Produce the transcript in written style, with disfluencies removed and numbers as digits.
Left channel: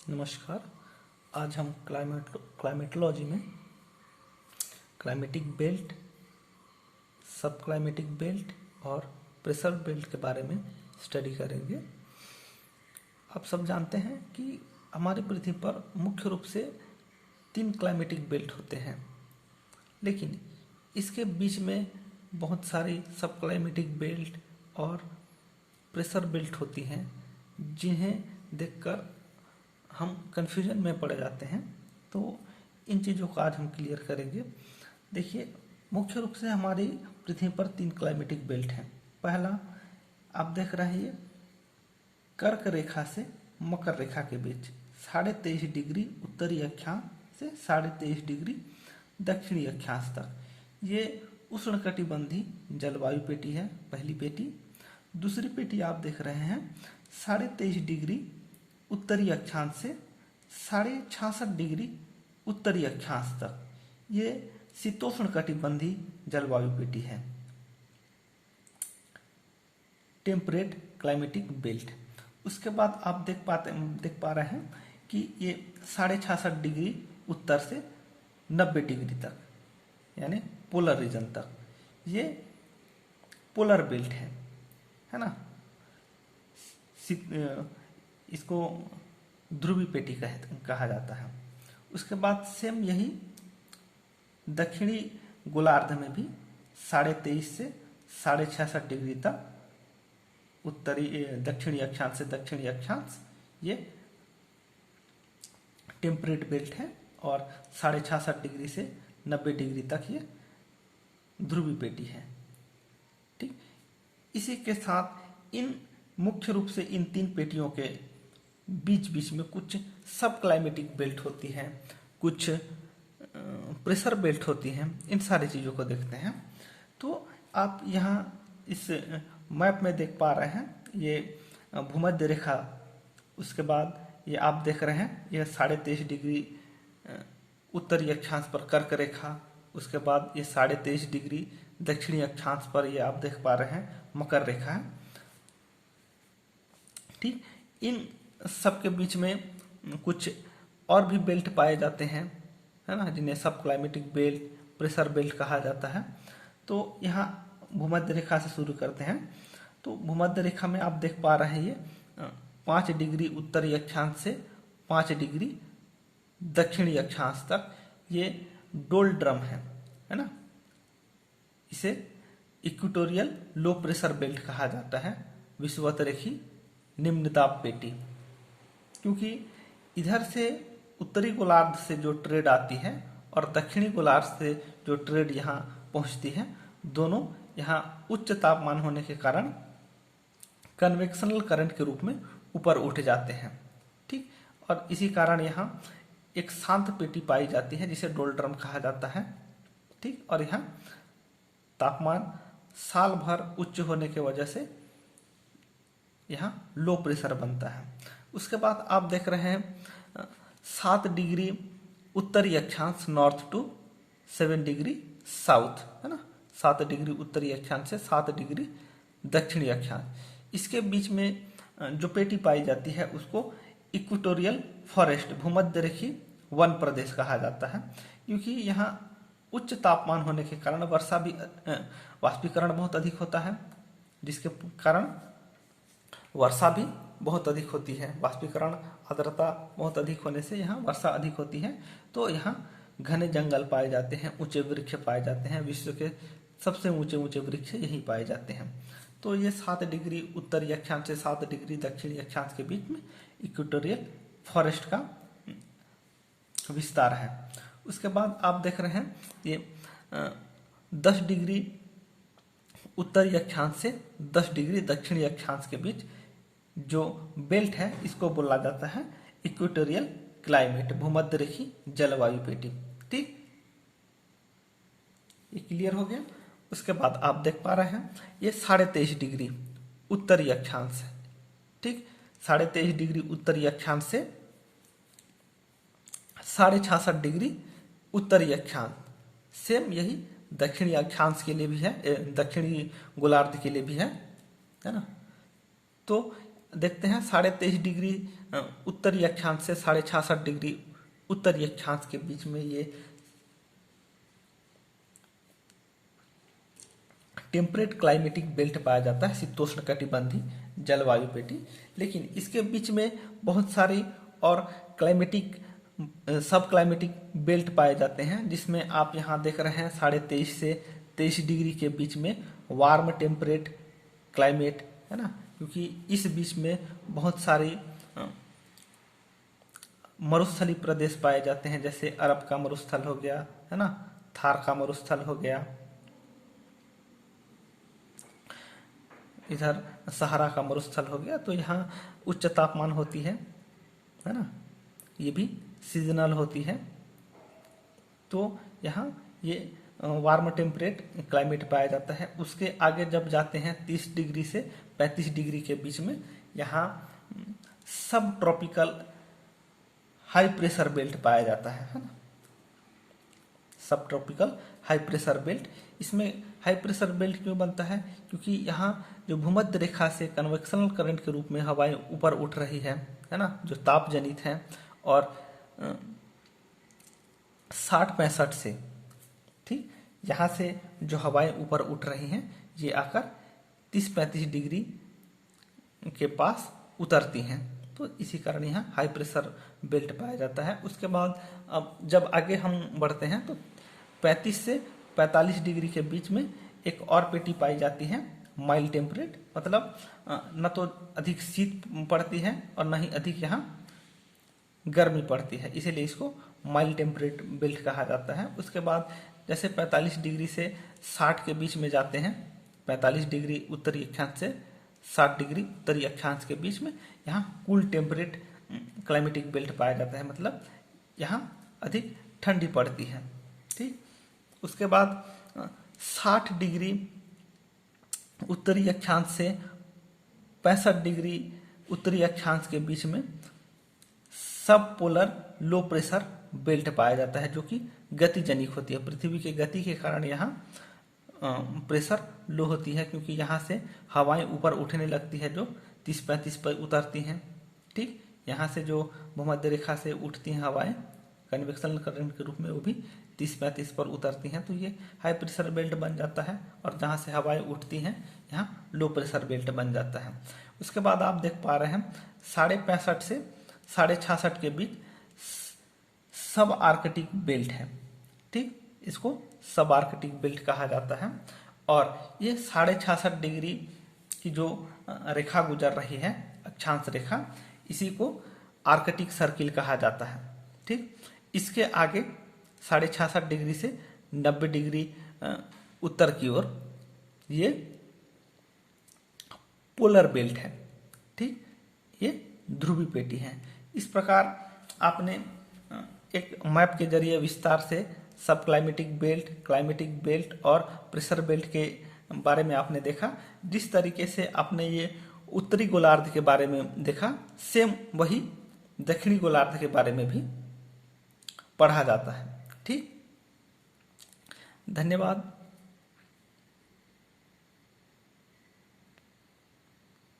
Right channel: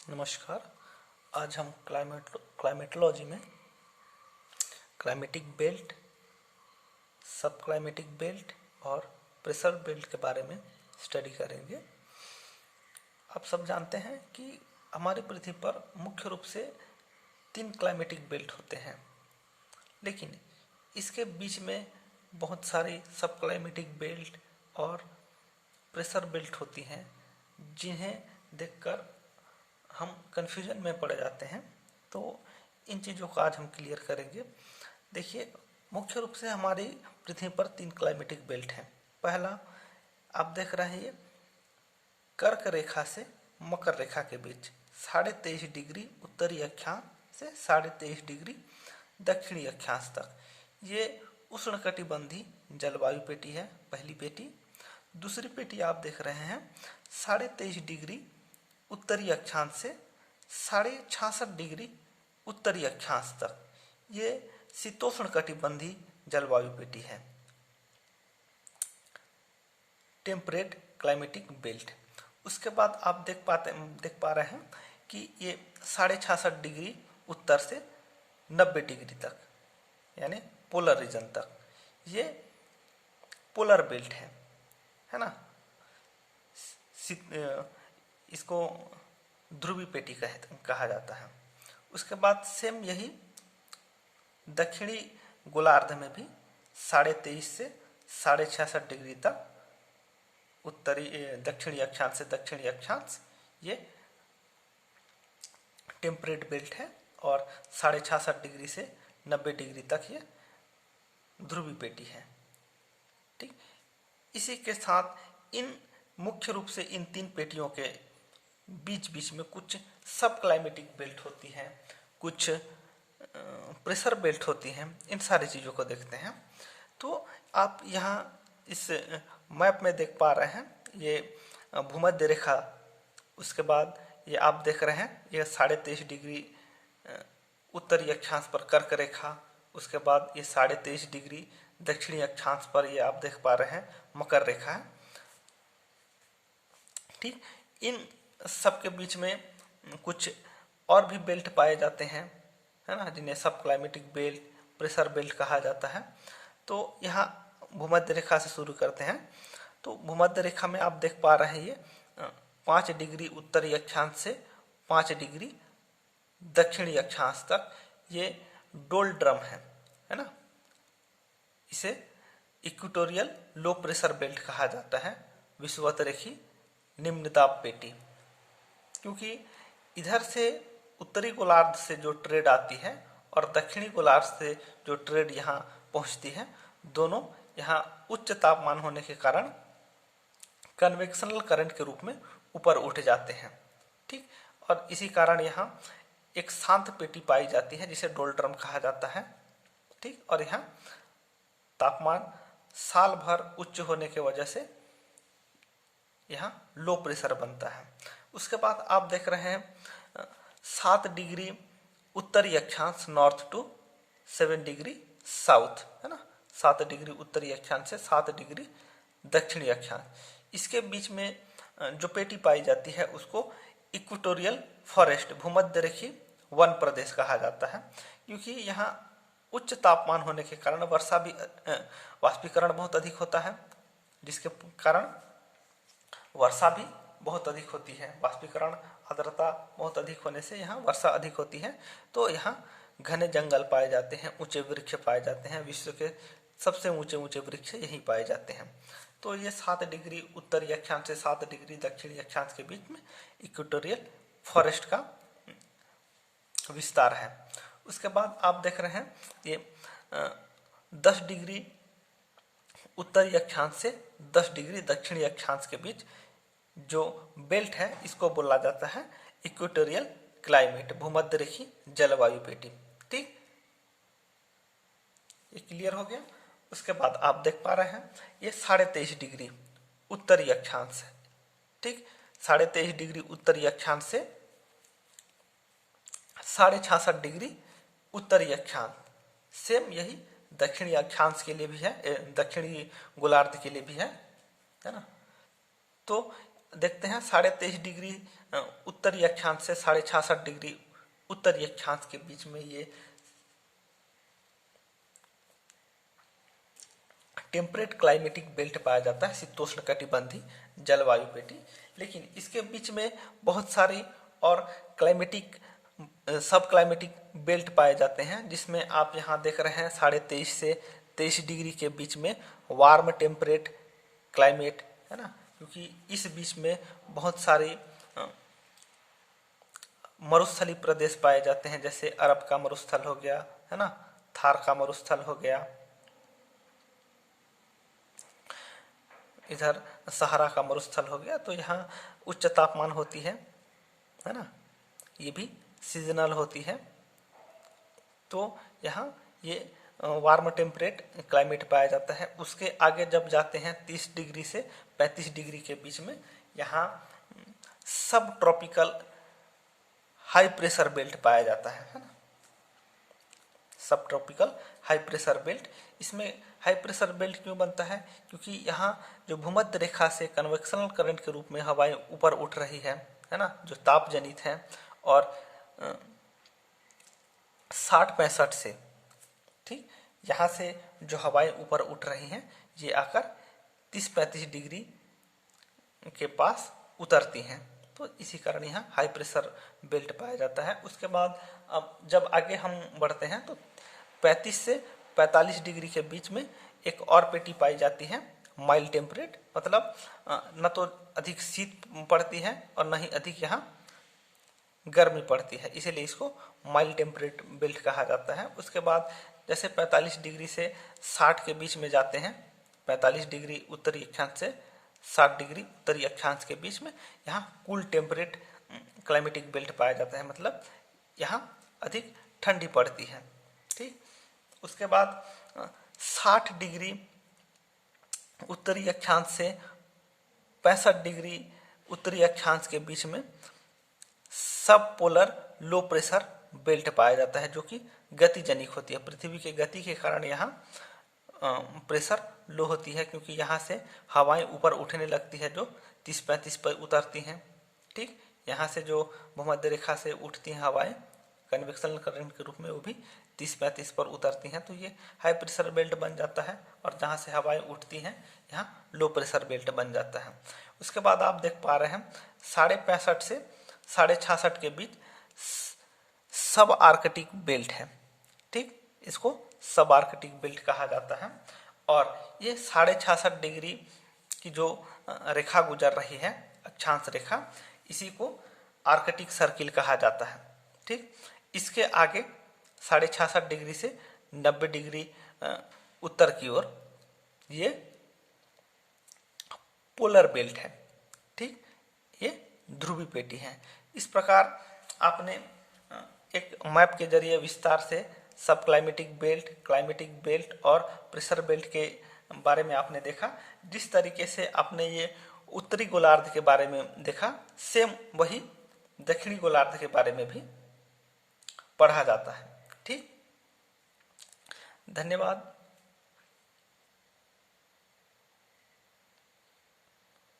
नमस्कार। आज हम क्लाइमेटोलॉजी में क्लाइमेटिक बेल्ट, सब क्लाइमेटिक बेल्ट और प्रेशर बेल्ट के बारे में स्टडी करेंगे। आप सब जानते हैं कि हमारी पृथ्वी पर मुख्य रूप से 3 क्लाइमेटिक बेल्ट होते हैं, लेकिन इसके बीच में बहुत सारी सब क्लाइमेटिक बेल्ट और प्रेशर बेल्ट होती हैं, जिन्हें देखकर हम कन्फ्यूजन में पड़ जाते हैं। तो इन चीज़ों को आज हम क्लियर करेंगे। देखिए, मुख्य रूप से हमारी पृथ्वी पर 3 क्लाइमेटिक बेल्ट हैं। पहला आप देख रहे हैं, कर्क रेखा से मकर रेखा के बीच 23.5 डिग्री उत्तरी अक्षांश से 23.5 डिग्री दक्षिणी अक्षांश तक ये उष्णकटिबंधीय जलवायु पेटी है, पहली पेटी। दूसरी पेटी आप देख रहे हैं 23.5 डिग्री उत्तरी अक्षांश से 66.5 डिग्री उत्तरी अक्षांश तक ये शीतोष्ण कटिबंधीय जलवायु पेटी है, टेम्परेट क्लाइमेटिक बेल्ट। उसके बाद आप देख पा रहे हैं कि ये 66.5 डिग्री उत्तर से 90 डिग्री तक, यानी पोलर रीजन तक, ये पोलर बेल्ट है ना। इसको ध्रुवीय पेटी कहा जाता है। उसके बाद सेम यही दक्षिणी गोलार्ध में भी 23.5 से 66.5 डिग्री तक उत्तरी दक्षिणी अक्षांश से दक्षिणी अक्षांश ये टेम्परेट बेल्ट है, और 66.5 डिग्री से 90 डिग्री तक ये ध्रुवीय पेटी है। ठीक, इसी के साथ इन मुख्य रूप से इन 3 पेटियों के बीच बीच में कुछ सब क्लाइमेटिक बेल्ट होती हैं, कुछ प्रेशर बेल्ट होती हैं। इन सारी चीज़ों को देखते हैं। तो आप यहाँ इस मैप में देख पा रहे हैं, ये भूमध्य रेखा, उसके बाद ये आप देख रहे हैं ये 23.5 डिग्री उत्तरी अक्षांश पर कर्क रेखा, उसके बाद ये 23.5 डिग्री दक्षिणी अक्षांश पर ये आप देख पा रहे हैं मकर रेखा है। ठीक, इन सब के बीच में कुछ और भी बेल्ट पाए जाते हैं, है ना, जिन्हें सब क्लाइमेटिक बेल्ट, प्रेशर बेल्ट कहा जाता है। तो यहाँ भूमध्य रेखा से शुरू करते हैं। तो भूमध्य रेखा में आप देख पा रहे हैं ये 5 डिग्री उत्तरी अक्षांश से 5 डिग्री दक्षिणी अक्षांश तक ये डोलड्रम है ना। इसे इक्वेटोरियल लो प्रेशर बेल्ट कहा जाता है, विषुवतरेखी निम्न दाब पेटी, क्योंकि इधर से उत्तरी गोलार्ध से जो ट्रेड आती है और दक्षिणी गोलार्ध से जो ट्रेड यहाँ पहुँचती है, दोनों यहाँ उच्च तापमान होने के कारण कन्वेक्शनल करंट के रूप में ऊपर उठ जाते हैं। ठीक, और इसी कारण यहाँ एक शांत पेटी पाई जाती है जिसे डोलड्रम कहा जाता है। ठीक, और यहाँ तापमान साल भर उच्च होने की वजह से यहाँ लो प्रेशर बनता है। उसके बाद आप देख रहे हैं 7 डिग्री उत्तरी अक्षांश नॉर्थ टू 7 डिग्री साउथ, है ना। 7 डिग्री उत्तरी अक्षांश से 7 डिग्री दक्षिणी अक्षांश, इसके बीच में जो पेटी पाई जाती है उसको इक्वेटोरियल फॉरेस्ट, भूमध्य रेखी वन प्रदेश कहा जाता है, क्योंकि यहाँ उच्च तापमान होने के कारण वर्षा भी वाष्पीकरण बहुत अधिक होता है, जिसके कारण वर्षा भी बहुत अधिक होती है। वाष्पीकरण, आर्द्रता बहुत अधिक होने से यहाँ वर्षा अधिक होती है। तो यहाँ घने जंगल पाए जाते हैं, ऊंचे वृक्ष पाए जाते हैं, विश्व के सबसे ऊंचे ऊंचे वृक्ष यहीं पाए जाते हैं। तो ये 7 डिग्री उत्तरी अक्षांश से 7 डिग्री दक्षिणी अक्षांश के बीच में इक्वेटोरियल फॉरेस्ट का विस्तार है। उसके बाद आप देख रहे हैं ये 10 डिग्री उत्तरी अक्षांश से 10 डिग्री दक्षिणी अक्षांश के बीच जो बेल्ट है, इसको बोला जाता है इक्वेटोरियल क्लाइमेट, भूमध्य रेखी जलवायु पेटी। ठीक, ये क्लियर हो गया। उसके बाद आप देख पा रहे हैं ये 23.5 डिग्री उत्तरी अक्षांश है। ठीक, 23.5 डिग्री उत्तरी अक्षांश से 66.5 डिग्री उत्तरी अक्षांश, सेम यही दक्षिणी अक्षांश के लिए भी है, दक्षिणी गोलार्ध के लिए भी है ना। तो देखते हैं 23.5 डिग्री उत्तरी अक्षांश से 66.5 डिग्री उत्तरी अक्षांश के बीच में ये टेम्परेट क्लाइमेटिक बेल्ट पाया जाता है, शीतोष्ण कटिबंधीय जलवायु पेटी। लेकिन इसके बीच में बहुत सारी और क्लाइमेटिक सब क्लाइमेटिक बेल्ट पाए जाते हैं, जिसमें आप यहाँ देख रहे हैं 23.5 से 23 डिग्री के बीच में वार्म टेम्परेट क्लाइमेट है ना, क्योंकि इस बीच में बहुत सारी मरुस्थली प्रदेश पाए जाते हैं, जैसे अरब का मरुस्थल हो गया है ना, थार का मरुस्थल हो गया, इधर सहारा का मरुस्थल हो गया। तो यहाँ उच्च तापमान होती है ना, ये भी सीजनल होती है। तो यहाँ ये वार्म टेम्परेट क्लाइमेट पाया जाता है। उसके आगे जब जाते हैं 30 डिग्री से 35 डिग्री के बीच में, यहाँ सब ट्रॉपिकल हाई प्रेशर बेल्ट पाया जाता है ना, सब ट्रॉपिकल हाई प्रेशर बेल्ट। इसमें हाई प्रेशर बेल्ट क्यों बनता है? क्योंकि यहाँ जो भूमध्य रेखा से कन्वेक्शनल करंट के रूप में हवाएं ऊपर उठ रही है ना, जो ताप जनित है, और 60-65 से ठीक यहाँ से जो हवाएं ऊपर उठ रही हैं, ये आकर 30-35 डिग्री के पास उतरती हैं। तो इसी कारण यहाँ हाई प्रेशर बेल्ट पाया जाता है। उसके बाद अब जब आगे हम बढ़ते हैं तो 35 से 45 डिग्री के बीच में एक और पेटी पाई जाती है, माइल्ड टेम्परेट, मतलब न तो अधिक शीत पड़ती है और न ही अधिक यहाँ गर्मी पड़ती है, इसीलिए इसको माइल्ड टेम्परेट बेल्ट कहा जाता है। उसके बाद जैसे 45 डिग्री से 60 के बीच में जाते हैं, 45 डिग्री उत्तरी अक्षांश से 60 डिग्री उत्तरी अक्षांश के बीच में यहाँ कूल टेम्परेट क्लाइमेटिक बेल्ट पाया जाता है, मतलब यहाँ अधिक ठंडी पड़ती है। ठीक, उसके बाद 60 डिग्री उत्तरी अक्षांश से 65 डिग्री उत्तरी अक्षांश के बीच में सब पोलर लो प्रेशर बेल्ट पाया जाता है, जो कि गतिजनिक होती है। पृथ्वी के गति के कारण यहाँ प्रेशर लो होती है, क्योंकि यहाँ से हवाएं ऊपर उठने लगती है जो 30-35 पर उतरती हैं। ठीक, यहाँ से जो भूमध्य रेखा से उठती हैं हवाएं कन्वेक्शनल करंट के रूप में, वो भी 30-35 पर उतरती हैं, तो ये हाई प्रेशर बेल्ट बन जाता है। और जहाँ से हवाएं उठती हैं यहाँ लो प्रेशर बेल्ट बन जाता है। उसके बाद आप देख पा रहे हैं 65.5 से 66.5 के बीच सब आर्कटिक बेल्ट है। ठीक, इसको सब आर्कटिक बेल्ट कहा जाता है। और ये 66.5 डिग्री की जो रेखा गुजर रही है, अक्षांश रेखा, इसी को आर्कटिक सर्किल कहा जाता है। ठीक, इसके आगे 66.5 डिग्री से 90 डिग्री उत्तर की ओर ये पोलर बेल्ट है। ठीक, ये ध्रुवी पेटी है। इस प्रकार आपने एक मैप के जरिए विस्तार से सब क्लाइमेटिक बेल्ट और प्रेशर बेल्ट के बारे में आपने देखा। जिस तरीके से आपने ये उत्तरी गोलार्ध के बारे में देखा, सेम वही दक्षिणी गोलार्ध के बारे में भी पढ़ा जाता है। ठीक, धन्यवाद।